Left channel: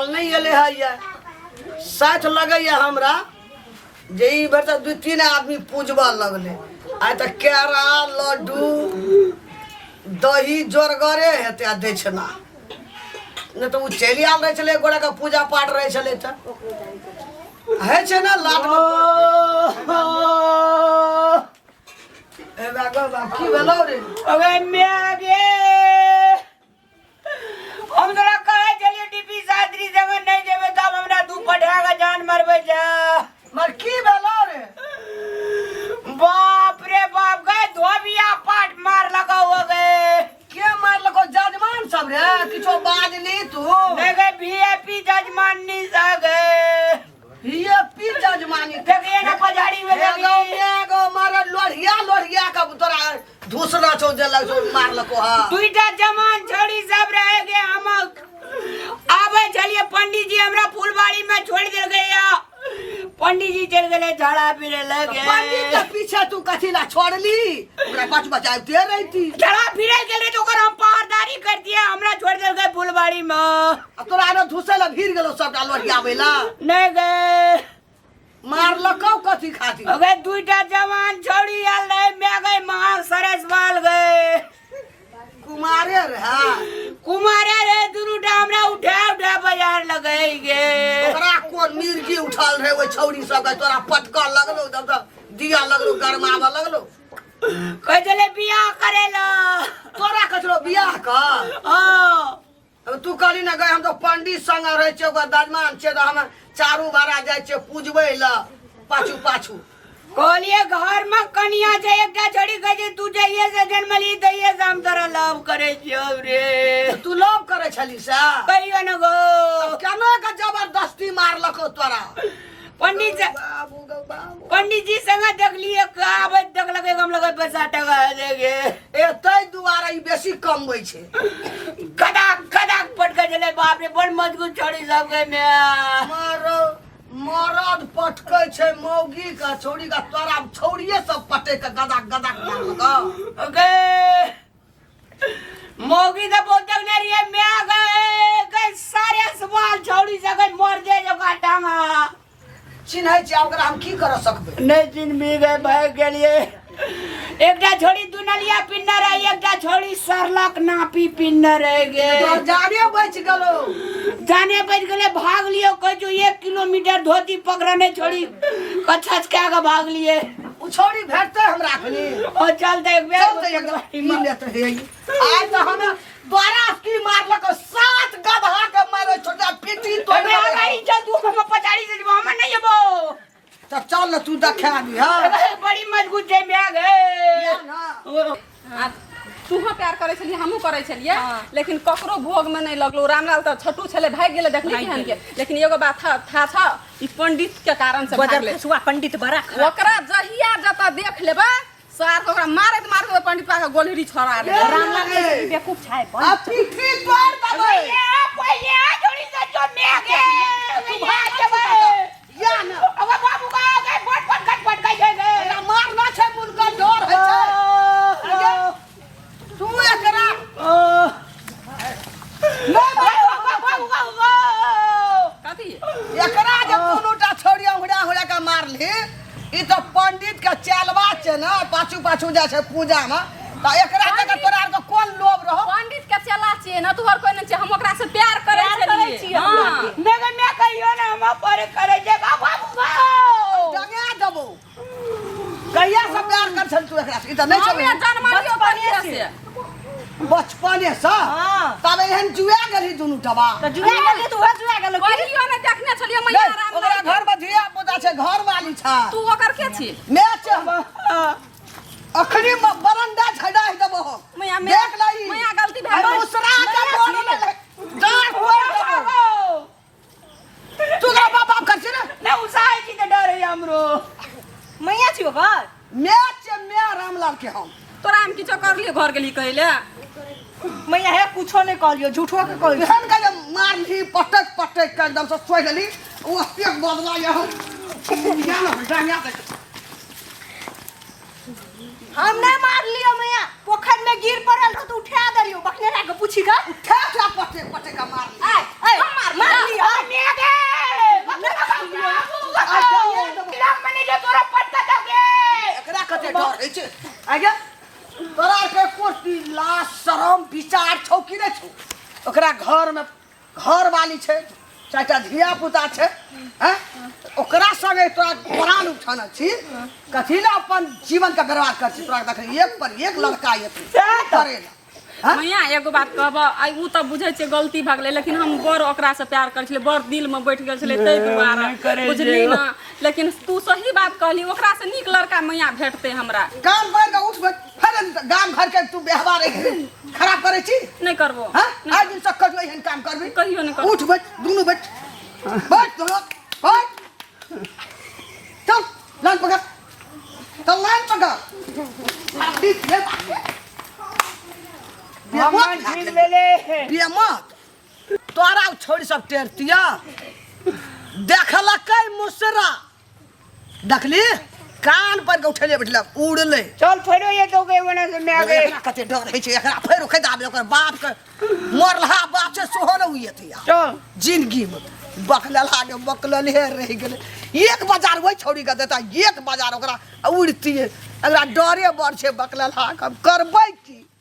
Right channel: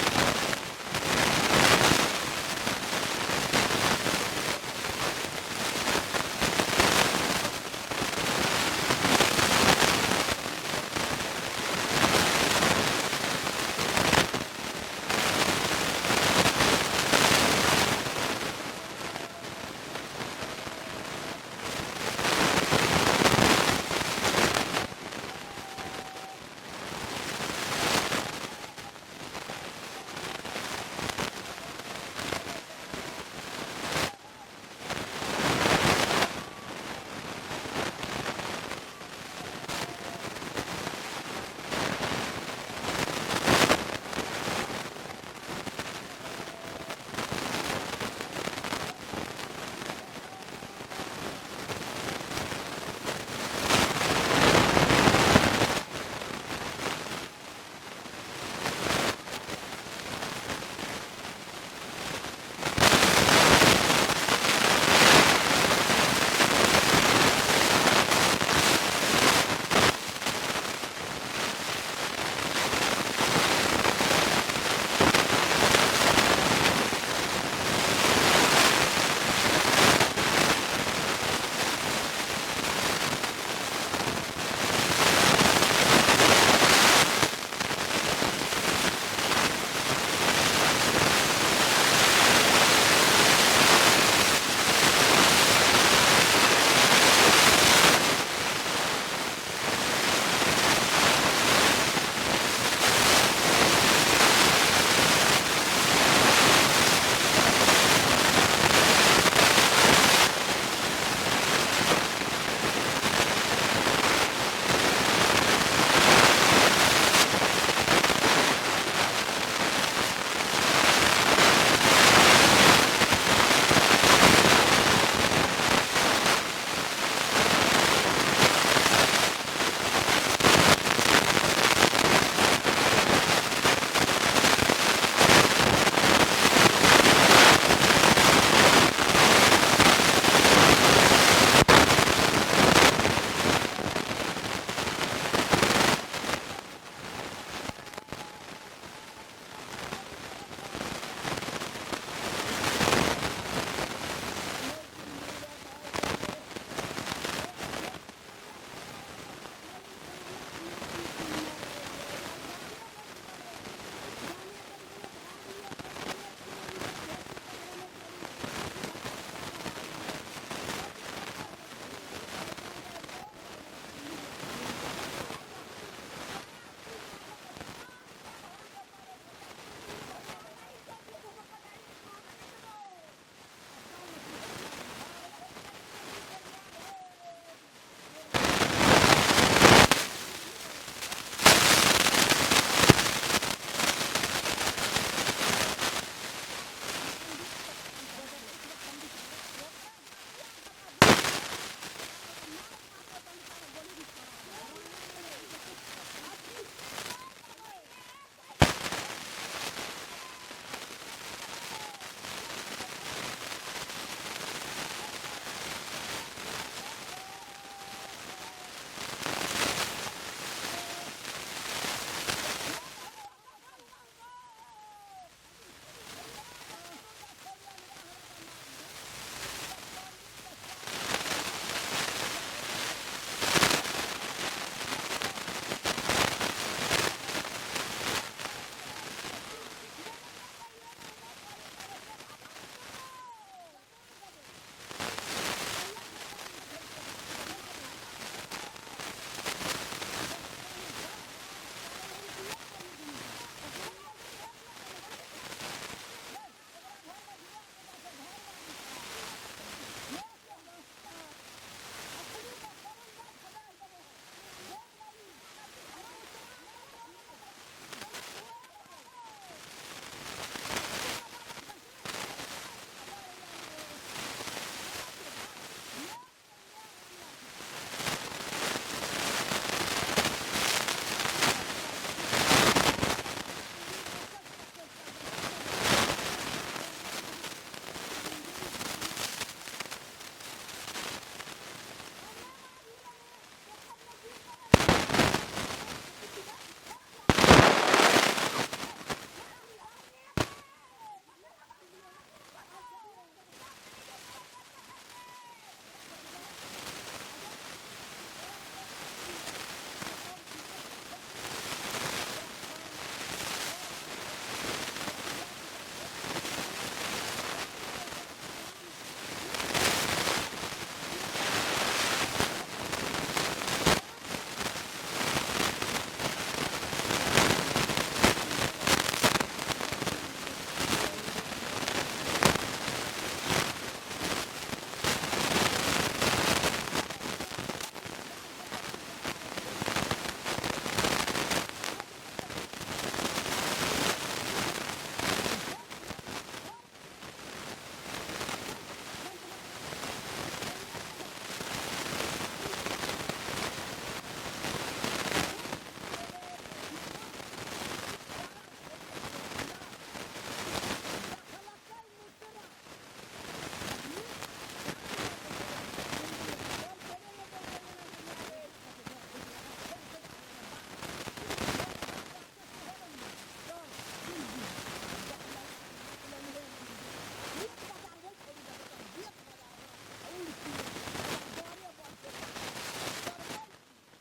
साल नहीं गेले है ये 60 लगैया हमरा जे ई बेटा 2-3 आदमी पूजबा लगले आइ त केरा लड्डू दही जोरगरे हेते दै छला न तो चलिया रहे छले गोड़ा का पूजा पाठ रहे छले त है छै ना लाभ अबे म्यागे हमरा कहे चलिए डीपी सादरी जगह नहीं देबे तब हमरा दू पढ़ागा जान मरबे जा मर की दला रे बाप रे बाप गए धोबिया पाट मार लगा हो गए के मार लगो जजमान सब रे किछो बाज नहीं तू लगे वीआईपी जजमान नहीं सा गए ये पी जजमानी लगे ना पजाड़ी में लगे एगो मारे लोहिया का तोरा दूसरा चौजे लगो मार लगो हां दुईटा जमान छोड़ी सब रह गए हम आवे चलिए पंडित जी हमरा फुलबाड़ी में छोड़ दे गया पंडित जी चल गए झाड़ा फिरे पंडित का पीछे तू कथी ला छोड़बी बस बता के रही थी झाड़ा फिरे चले तो कर हम पहरेदारी कर दिया हमरा छोड़ दे गए फुलबाड़ी में तोरा रो घुसे लग गिर गेलो सब काम आवे ना ले गए मार लगो कथी खा अबे दुईटा जवान छोड़ी यार ले गए मार सरस वाल गए मारे हां कुमारे रे दुनुटा हमरा उठा बाजार लगे ये तोरा को मिल की उछाल रे वो छौरी सब का पटका लगलो सब किया लगलो करना लगलो बजले बियाह करेला तोरा करो बियाह का हां तू करी ना गए हम तो पंडित संग रहे थे बदलना से हम चारू बारा जाए के पूजबे ला पास बोलिए घर में कनिया से एक जोड़ी कहे तू जाइए सजन बली जाइए काम करा लाभ करे छे तू लोग करे छली जा कहियो न गो जमा का कबर पक्षी मार लगो तोरा पंडित जी संग जब लिए कावत जग लगे हम लोग बता देवा लेगे ए कई तुम्हारा ई बेसी कम होई छै कड़ाक कड़ाक पड़ गए बाप रे बड़ मजबूत छोड़ी लग गए मारो पटके के मोग का छोटा सारा छोड़िए सब खाते से कमा अबे मोगी से बोतल ने रिए में आ गए सारे सवाल छोड़ी जगत मर जाए जो काटांगा चिन्ह जाओ ओकरा हम की कर सकबे नहीं दिन भी गए भाई के लिए एकटा छोड़ी दुनलिया पिन्नर है एकटा छोड़ी सरलक नापी पिन्नर है गे तो जाने बच गेलो जाने बच गले भाग लियो कह जो 1 किलोमीटर धोती पकड़ने छोड़ी कछच के आगे भाग लिए छोड़ी भेटते हमरा खनी और चलते एक बेर चलते एकरा ई लेते रे आज तो हम 12 की मार लको 7 गधा के मारे छोटा पीटी तो अबे हमारी इज्जत तू हम पचाड़ी से हम नहीं जेबो तो चल न तू देखा दी हां बड़ी मजबूत है में आ गए तू क्या करे छली हमहु करे छलिए लेकिन ककरो भोग में नहीं लगलो रामलाल तो छोटू छले भाग गेले देखली छन के लेकिन एगो बात था ई पंडित के कारण से भाग ले सुआ पंडित बड़ा ओकरा जहिया जता देख लेबा सार ओकरा मारत पंडित पा के गोलरी छोड़ा रे रामलाल के बेवकूफ छाए आ पीठी तोड़ दबे पहिले छोड़ी से जो में आ गए तू भाग जेबे या न अब बाबू का गए फट गए मार ना छे मुर्गा डर है छे तू एकरा कथी एकरा जब दोनोटा छोड़िया हुड़ा का मार ली ई तो पंडित का चलवा छे ना पाछू जा छे पूजा में तो एकरा के तोरा के कोन लोभ रहो पंडित के चला छिए न तोहर कोई न हम ओकरा से प्यार करे छलिए हां नगर में कहियो ना हम पर करे जे बाबू जगा दबो कहिया से प्यार कर छल तू एकरा से ई तो नहीं छल हमें जन्मलियो पंडित से बचपने से तब एहन जुआ गेली दुनु टबा तो जुआ गेली तू जुआ गेल कहियो न देखने छलिए मैया राम ओकरा घर में धिया पुता छे घर वाली छा तू ओकर के छी मैच अखनी में बरंडा छड़ा दबो मैया देख लई मैया गलती अरे भेल दूसरा के बोल ले डांट हुआ तू का बाप कर छी ना ना उसाए की तो डर है हमरो मैया छी ओकर मैच में रामलाल के हम तोरा हम किछो कर लिए घर गेली कहले मैया है कुछो नहीं कहलियो झूठो के कहलियो हम के मार ली पटक के एकदम से खोइ देली वो एक बदला यहां या ना जानिया हम नहीं मार लियो मैया पोखर में गिर पड़ल तो उठा दलियो बकने के पूछी का ठा ठा मार लियो घर वाली छे चाचा धिया पुता छे हैं ओकरा संगे तोरा प्राण उठाना छी कथी ला अपन जीवन का बर्बाद कर तोरा देख एक पर एक लड़का ये करे मैया एगो बात कहब आई उ त बुझे छै गलती भऽ गेलै लेकिन हम बड़ ओकरा से प्यार कर छलै बड़ दिल में बैठ गेल छलै तै दुआरे बुझली ना लेकिन तू सही बात कहली ओकरा से नीक लड़का मैया भेटतै हमरा काम कर के उठ फिर गांव घर के तू व्यवहार खराब करे छी नहीं करबो हां आज दिन तक कर एहन काम करबी कहियो नहीं करबो उठ बैठ दुनू बैठ दोनों बैठ चल लाइन पकड़ चल लाइन पकड़ ठीक है हमर ठीक भेले ये मत तोरा छोड़ सब टेरतिया देखलकै मुसरा देखली कान पर उठले बैठले उड़ले चल फेरो ये तो के बना से मैं आ गए एकरा कते डर है छै एकरा फेर उखे दाबे ओकर बाप के मरला बाप से सोहर हुए थे चल जिंदगी में बकलला के बकलल हे रह गेले एक बाजार वही छोड़ी के देता एक बाजार ओकरा उड़ती है एकरा डरे बड़ छै बकलला करबै